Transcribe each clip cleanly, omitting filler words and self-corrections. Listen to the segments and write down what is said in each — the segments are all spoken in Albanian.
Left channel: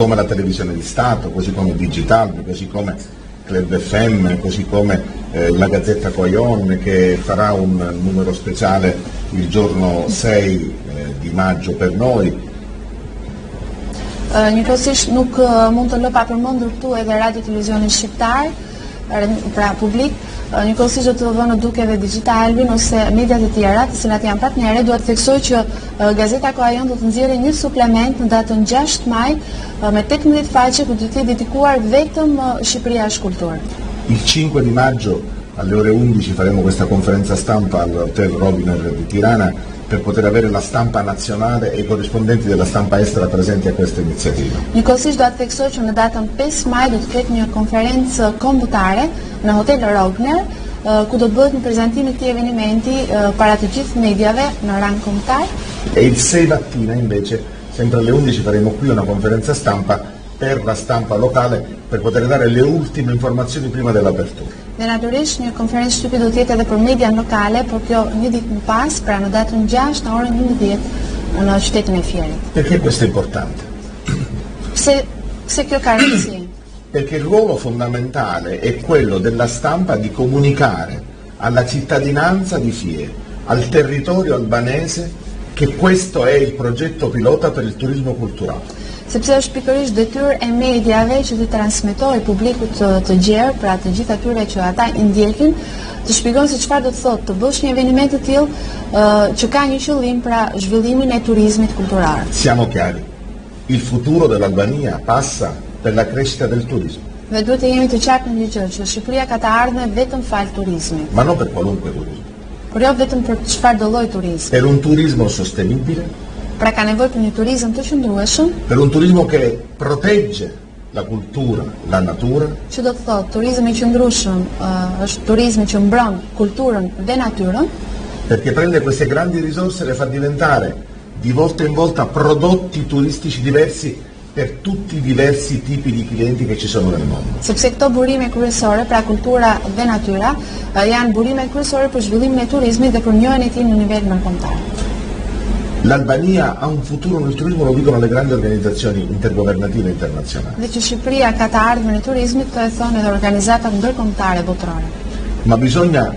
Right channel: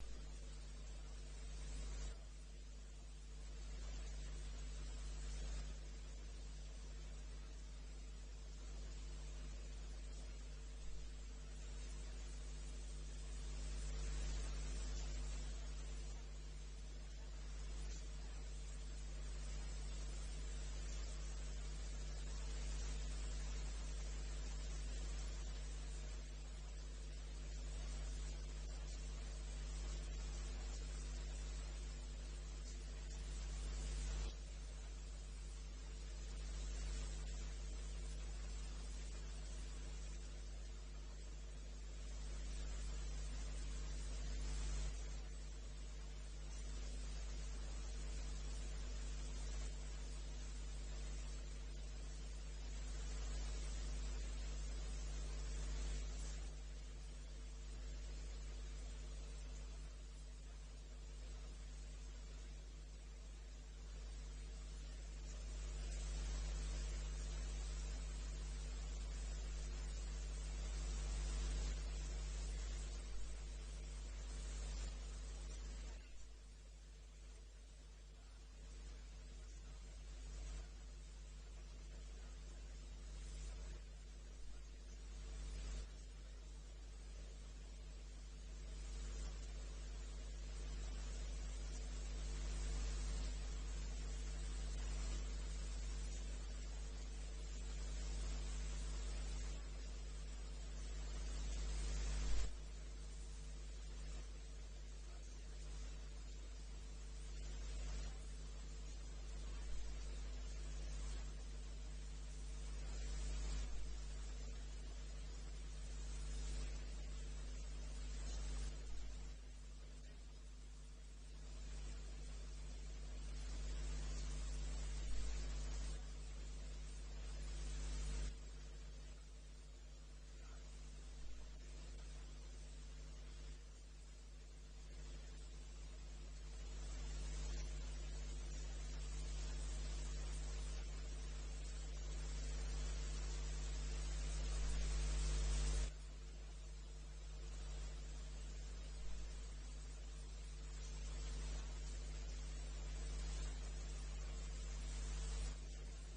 come la televisione di Stato, così come Digital, così come Club FM, così come la Gazzetta Coyon che farà un numero speciale il giorno 6 di maggio per noi. Njëkohësisht nuk mund të lë pa përmendur këtu edhe radio televizionin shqiptar, pra publik, njëkohësisht do të vënë duke edhe Digitalin ose mediat e tjera, të cilat janë partnerë. Dua të theksoj që Gazeta Coyon do të nxjerrë një suplement në datën 6 maj me 18 faqe ku do të jetë dedikuar vetëm Shqipëria është kulturë. Il 5 di maggio alle ore 11 faremo questa conferenza stampa all'Hotel Robiner di Tirana per poter avere la stampa nazionale e i corrispondenti della stampa estera presenti a questa iniziativa. Njëkohësisht do të theksoj që në datën 5 maj do të ketë një konferencë kombëtare në Hotel Robner, ku do të bëhet një prezantim i këtij eventi para të gjithë mediave në rang kombëtar. E il 6 mattina invece, sempre alle 11, faremo qui una conferenza stampa per la stampa locale per poter dare le ultime informazioni prima dell'apertura. Dhe natyrisht një konferencë shtypi do të jetë edhe për median lokale, por kjo një ditë më pas, pra në datën 6 në orën 11 në qytetin e Fierit. Perché questo è importante? Se kjo ka rëndësi? Perché il ruolo fondamentale è quello della stampa di comunicare alla cittadinanza di Fier, al territorio albanese, che questo è il progetto pilota per il turismo culturale. Sepse është pikërisht detyrë e mediave që të transmetojë publikut të gjerë, pra të gjithë atyre që ata i ndjekin, të shpjegojnë se çfarë do të thotë të bësh një eveniment të tillë që ka një qëllim, pra zhvillimin e turizmit kultural. Siamo chiari, il futuro dell'Albania passa per la crescita del turismo. Dhe duhet të jemi të qartë në një gjë, që Shqipëria ka të ardhmen vetëm fal turizmit. Ma non per qualunque turismo. Por jo vetëm për çfarë do lloj turizmi. Per un turismo sostenibile. Pra ka nevojë për një turizëm të qëndrueshëm. Per un turismo che protegge la cultura, la natura. Që do të thotë, turizmi i qëndrueshëm është turizmi që mbron kulturën dhe natyrën. Perché prende queste grandi risorse e le fa diventare di volta in volta prodotti turistici diversi per tutti i diversi tipi di clienti che ci sono nel mondo. Sepse këto burime kryesore, pra kultura dhe natyra, janë burime kryesore për zhvillimin e turizmit dhe për njohjen e tij në nivel ndërkombëtar. L'Albania ha un futuro nel turismo, lo dicono le grandi organizzazioni intergovernative internazionali. Dhe që Shqipëria ka të ardhmen e turizmit, të e thonë edhe organizatat ndërkombëtare botërore. Ma bisogna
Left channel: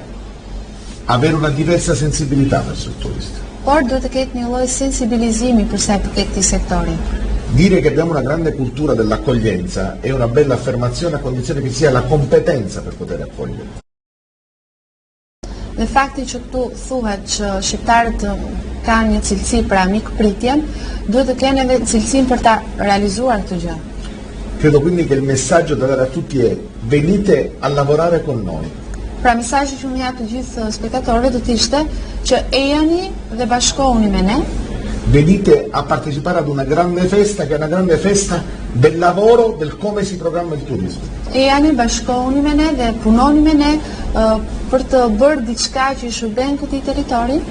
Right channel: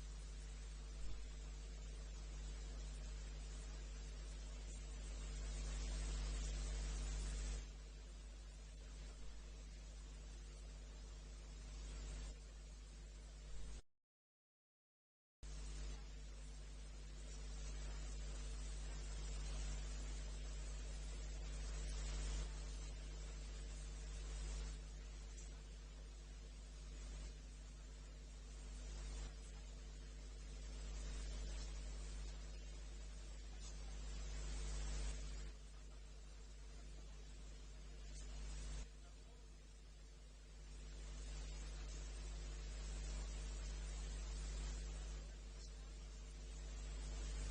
avere una diversa sensibilità verso il turista. Por duhet të ketë një lloj sensibilizimi për sa i përket këtij sektori. Dire che abbiamo una grande cultura dell'accoglienza è una bella affermazione a condizione che sia la competenza per poter accogliere. Dhe fakti që këtu thuhet që shqiptarët kanë një cilësi pra mikpritjen, duhet të kenë edhe cilësinë për ta realizuar këtë gjë. Credo quindi che il messaggio da dare a tutti è venite a lavorare con noi. Pra mesazhi që unë jap të gjithë spektatorëve do të ishte që ejani dhe bashkohuni me ne. Venite a partecipare ad una grande festa che è una grande festa del lavoro, del come si programma il turismo. Ejani, bashkohuni me ne dhe punoni me ne për të bërë diçka që i shërben këtij territori.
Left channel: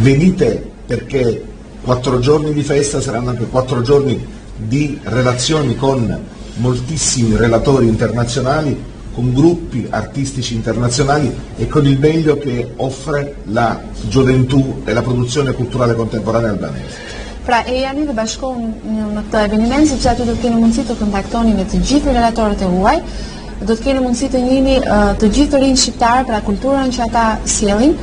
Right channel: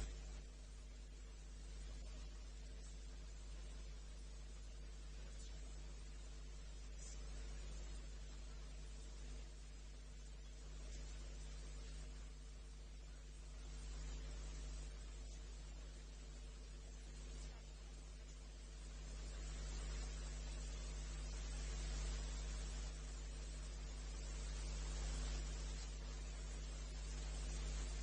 Venite perché 4 giorni di festa saranno anche 4 giorni di relazioni con moltissimi relatori internazionali, con gruppi artistici internazionali e con il meglio che offre la gioventù e la produzione culturale contemporanea albanese. Pra ejani dhe bashkohuni në këtë eveniment, sepse aty do të keni mundësi të kontaktoni me të gjithë relatorët e huaj, do të keni mundësi të njihni të gjithë të rinj shqiptarë, pra kulturën që ata sjellin.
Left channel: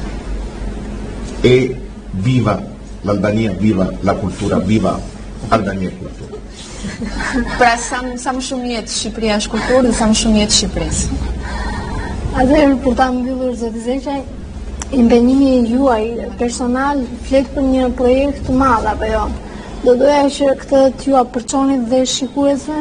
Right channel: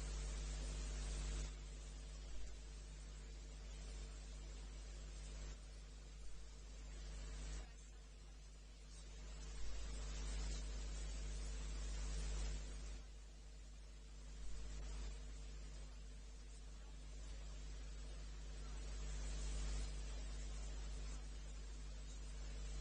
E viva l'Albania, viva la cultura, viva Albania e cultura. Pra sa më shumë jetë Shqipëria është kulturë dhe sa më shumë jetë Shqipërisë. Atëherë për ta mbyllur zoti Zeqaj, impenjimi juaj personal flet për një projekt të madh apo jo? Do doja që këtë t'ju apërçonit dhe shikuesve?